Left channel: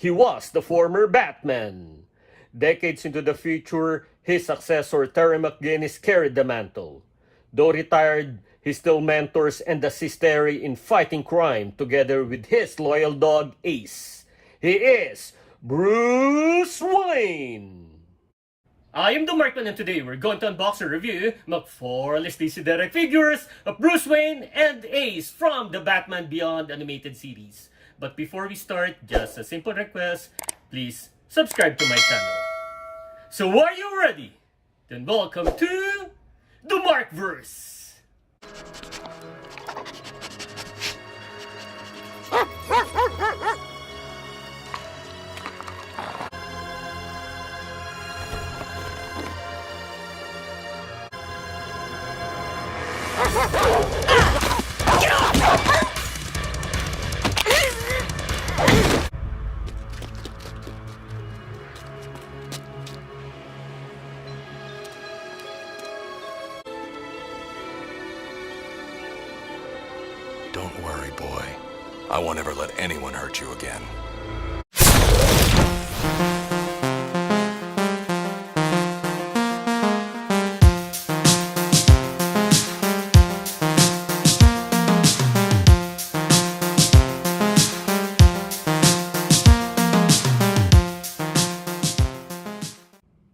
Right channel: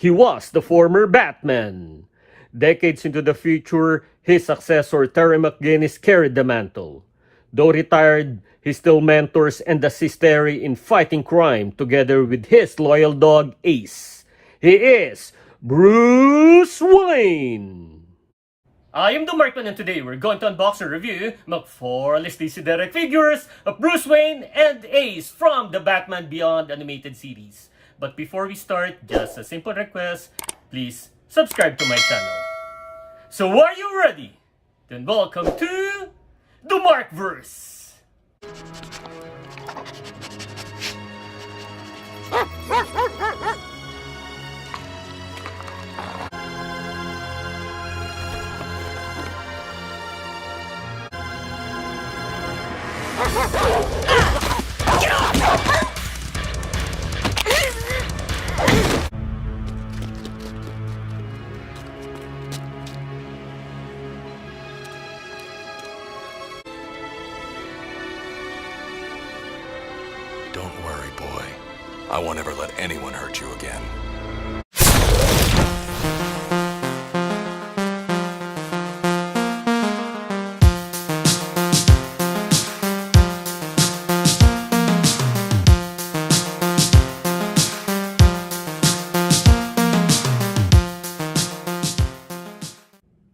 He was the former Batman. Decades into the future, his successor Terry McGinnis carried the mantle. Though retired, he still mentors and assists Terry in fighting crime together with his loyal dog Ace. He is Bruce Wayne! I am the Markman, and today we're going to unbox and review McFarlane DC Direct figures of Bruce Wayne and Ace from the Batman Beyond animated series. But before we start, just a simple request, please subscribe to my channel. So are you ready? Then welcome to the Markverse! Don't worry, boy. I won't ever let anyone hurt you again.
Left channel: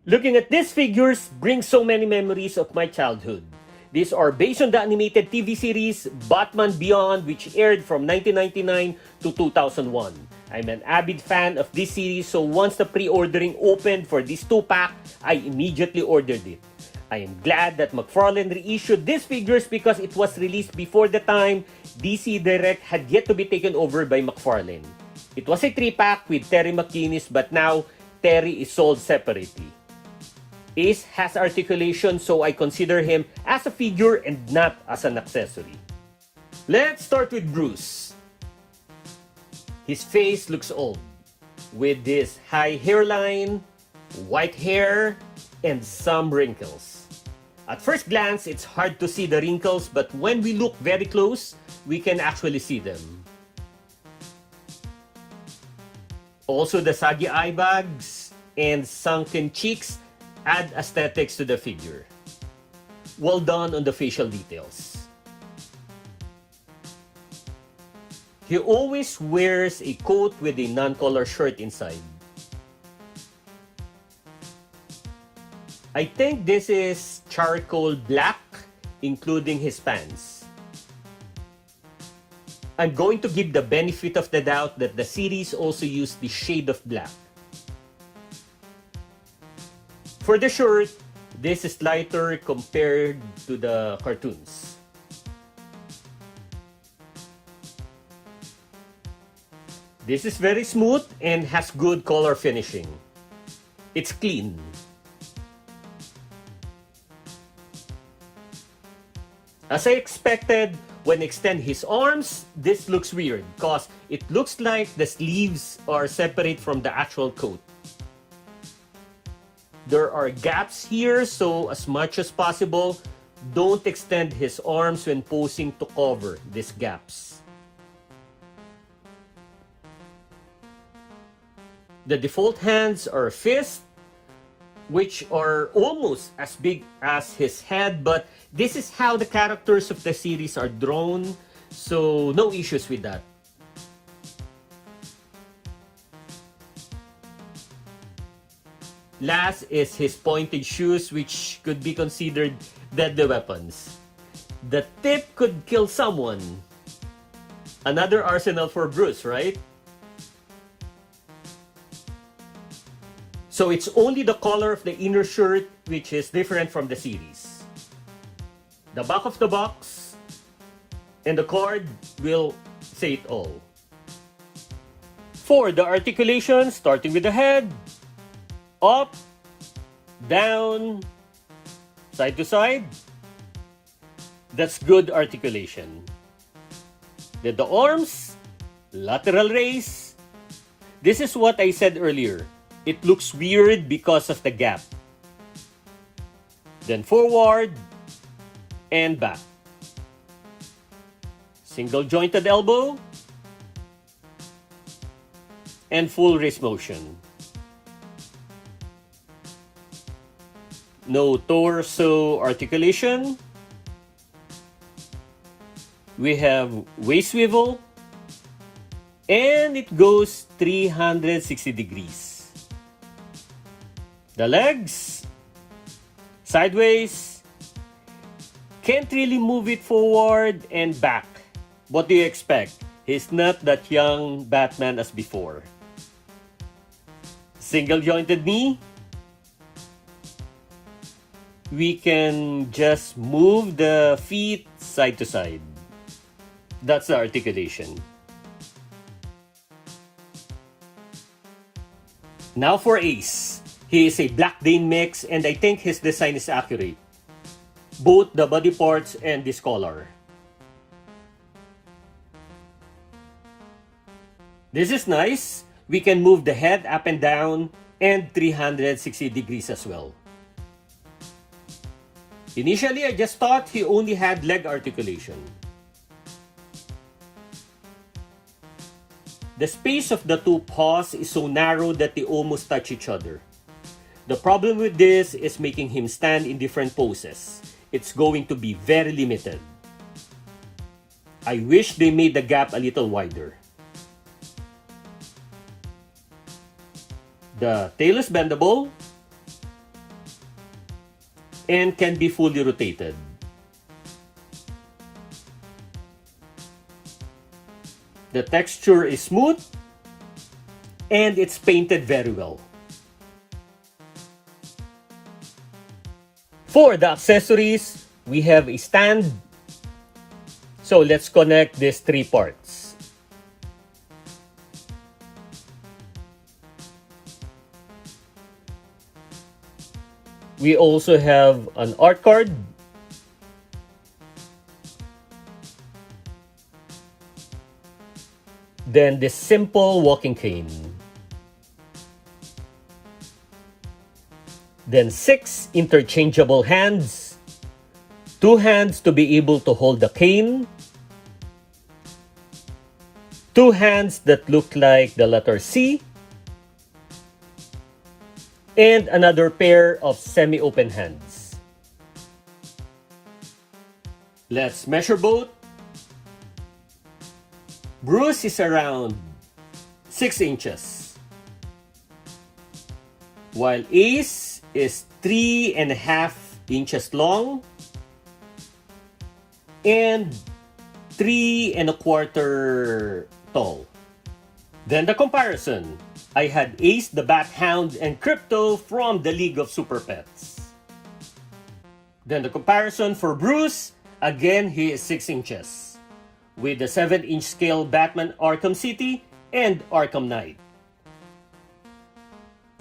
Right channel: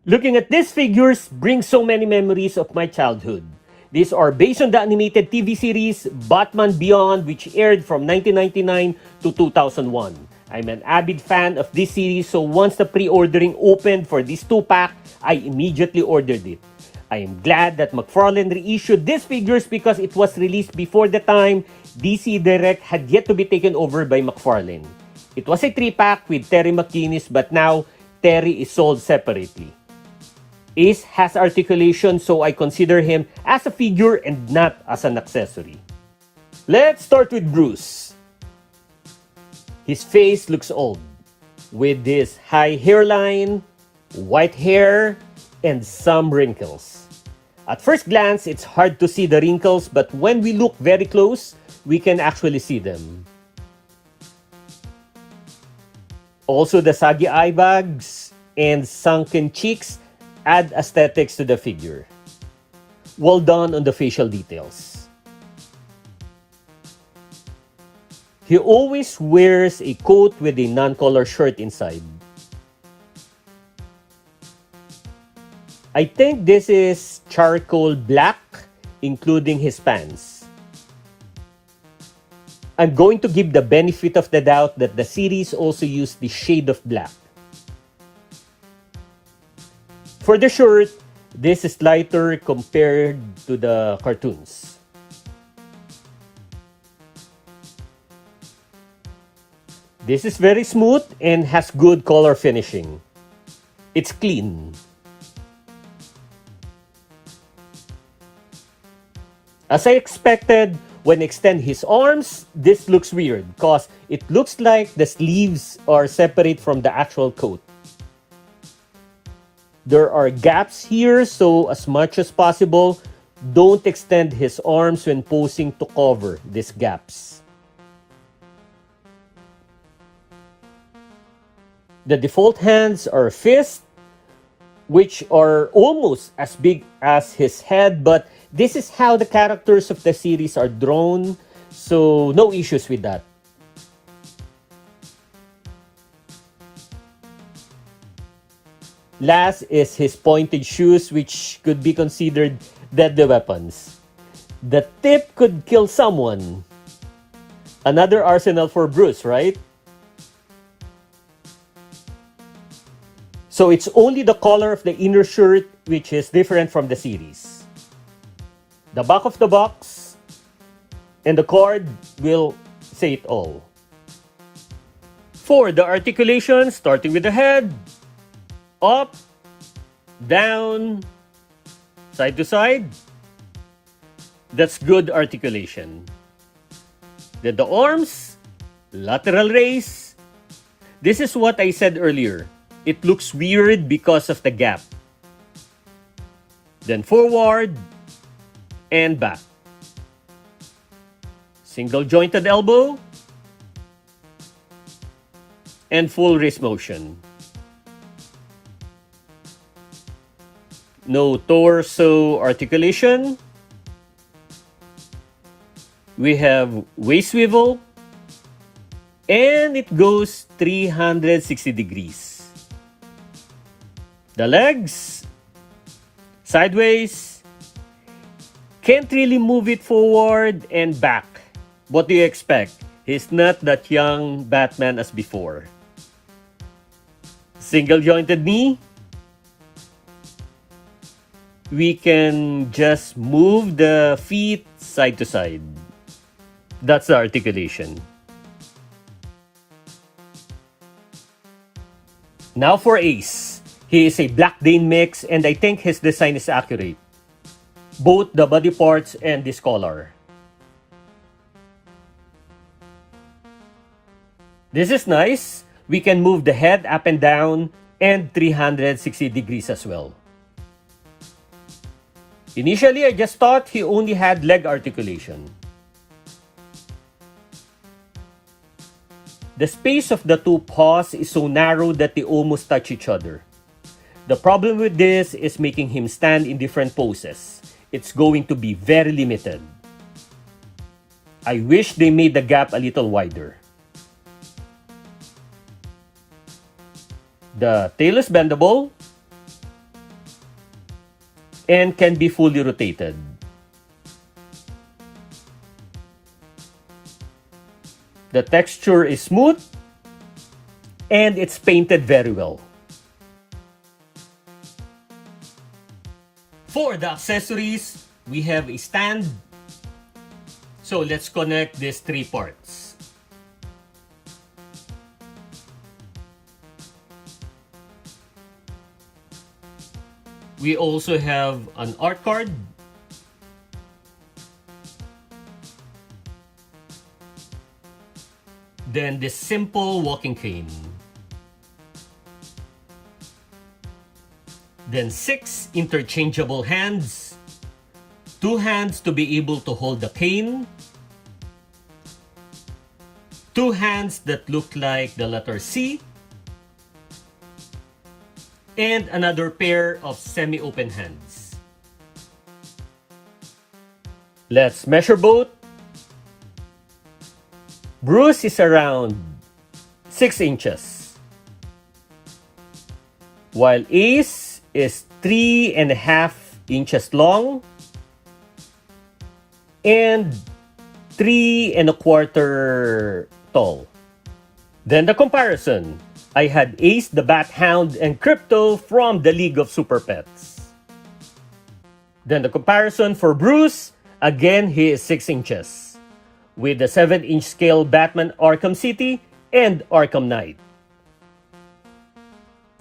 Looking at these figures brings so many memories of my childhood. These are based on the animated TV series Batman Beyond, which aired from 1999 to 2001. I'm an avid fan of this series, so once the pre-ordering opened for this 2-pack, I immediately ordered it. I am glad that McFarlane reissued these figures because it was released before the time DC Direct had yet to be taken over by McFarlane. It was a 3-pack with Terry McGinnis, but now Terry is sold separately. Ace has articulation, so I consider him as a figure and not as an accessory. Let's start with Bruce. His face looks old, with this high hairline, white hair, and some wrinkles. At first glance, it's hard to see the wrinkles, but when we look very close, we can actually see them. Also, the saggy eye bags and sunken cheeks add aesthetics to the figure. Well done on the facial details. He always wears a coat with a non-color shirt inside. I think this is charcoal black, including his pants. I'm going to give the benefit of the doubt that the series also used the shade of black. For the shirt, this is lighter compared to the cartoons. This is very smooth and has good color finishing. It's clean. As I expected, when I extend his arms, this looks weird because it looks like the sleeves are separate from the actual coat. There are gaps here, so as much as possible, don't extend his arms when posing to cover these gaps. The default hands are fists, which are almost as big as his head, but this is how the characters of the series are drawn, so no issues with that. Last is his pointed shoes, which could be considered deadly weapons. The tip could kill someone. Another arsenal for Bruce, right? So it's only the color of the inner shirt which is different from the series. The back of the box and the card will say it all. For the articulation, starting with the head, up, down, side to side. That's good articulation. Then the arms, lateral raise. This is what I said earlier. It looks weird because of the gap. Then forward and back. Single jointed elbow. and full wrist motion. No torso articulation. We have waist swivel, and it goes 360 degrees. The legs, sideways, can't really move it forward and back. What do you expect? He's not that young Batman as before. Single jointed knee. We can just move the feet side to side. That's the articulation. Now for Ace. He is a Black Dane mix, and I think his design is accurate. Both the body parts and this collar. This is nice. We can move the head up and down and 360 degrees as well. Initially, I just thought he only had leg articulation. The space of the two paws is so narrow that they almost touch each other. The problem with this is making him stand in different poses. It's going to be very limited. I wish they made the gap a little wider. The tail is bendable and can be fully rotated. The texture is smooth and it's painted very well. For the accessories, we have a stand. So let's connect these three parts. We also have an art card. Then this simple walking cane. Then 6 interchangeable hands. 2 hands to be able to hold the cane. 2 hands that look like the letter C. And another pair of semi-open hands. Let's measure both. Bruce is around 6 inches, while Ace is 3.5 inches long and 3.25 tall. Then the comparison. I had Ace the Bat Hound and Crypto from the League of Super Pets. Then the comparison for Bruce. Again, he is 6 inches, with the 7-inch scale Batman Arkham City and Arkham Knight.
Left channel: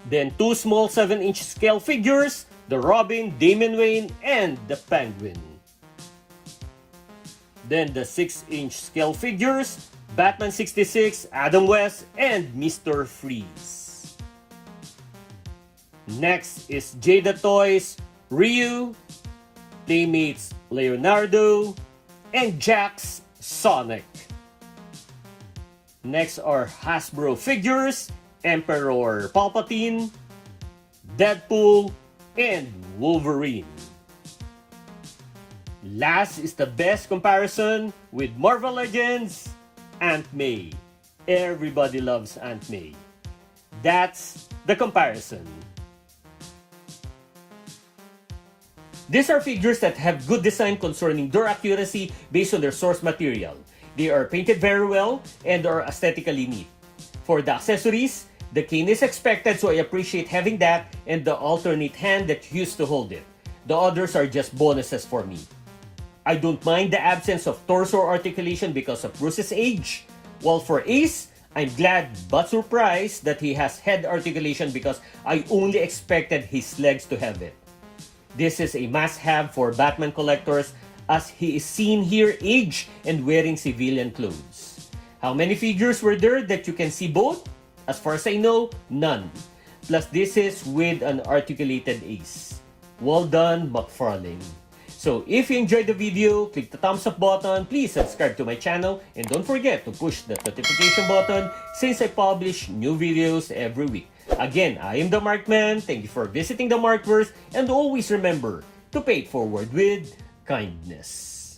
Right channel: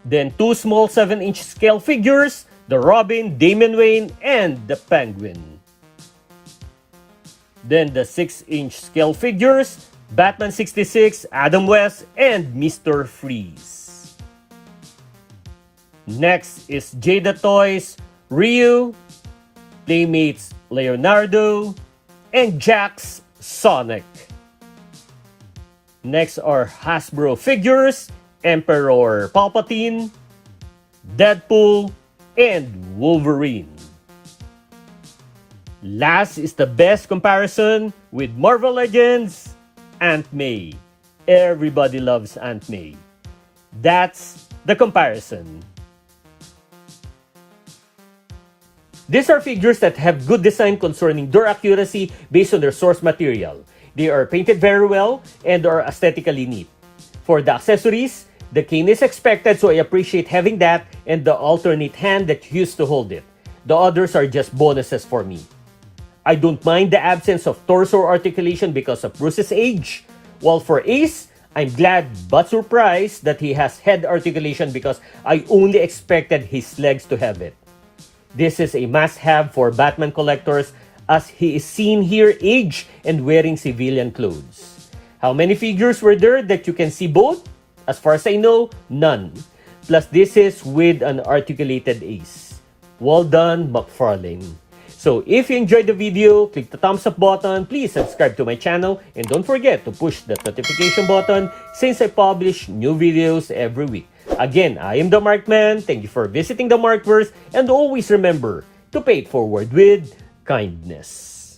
Then 2 small 7-inch scale figures, the Robin, Damian Wayne, and the Penguin. Then the 6-inch scale figures, Batman 66, Adam West, and Mr. Freeze. Next is Jada Toys, Ryu, Playmates Leonardo, and Jax Sonic. Next are Hasbro figures, Emperor Palpatine, Deadpool, and Wolverine. Last is the best comparison with Marvel Legends, Aunt May. Everybody loves Aunt May. That's the comparison. These are figures that have good design concerning door accuracy based on their source material. They are painted very well and are aesthetically neat. For the accessories, the cane is expected, so I appreciate having that and the alternate hand that used to hold it. The others are just bonuses for me. I don't mind the absence of torso articulation because of Bruce's age. While for Ace, I'm glad but surprised that he has head articulation because I only expected his legs to have it. This is a must-have for Batman collectors as he is seen here aged and wearing civilian clothes. How many figures were there that you can see both? As far as I know, none. Plus this is with an articulated Ace. Well done, McFarlane. So if you enjoyed the video, click the thumbs up button, please subscribe to my channel, and don't forget to push that notification button since I publish new videos every week. Again, I am the Markman. Thank you for visiting the Markverse, and always remember to pay it forward with kindness.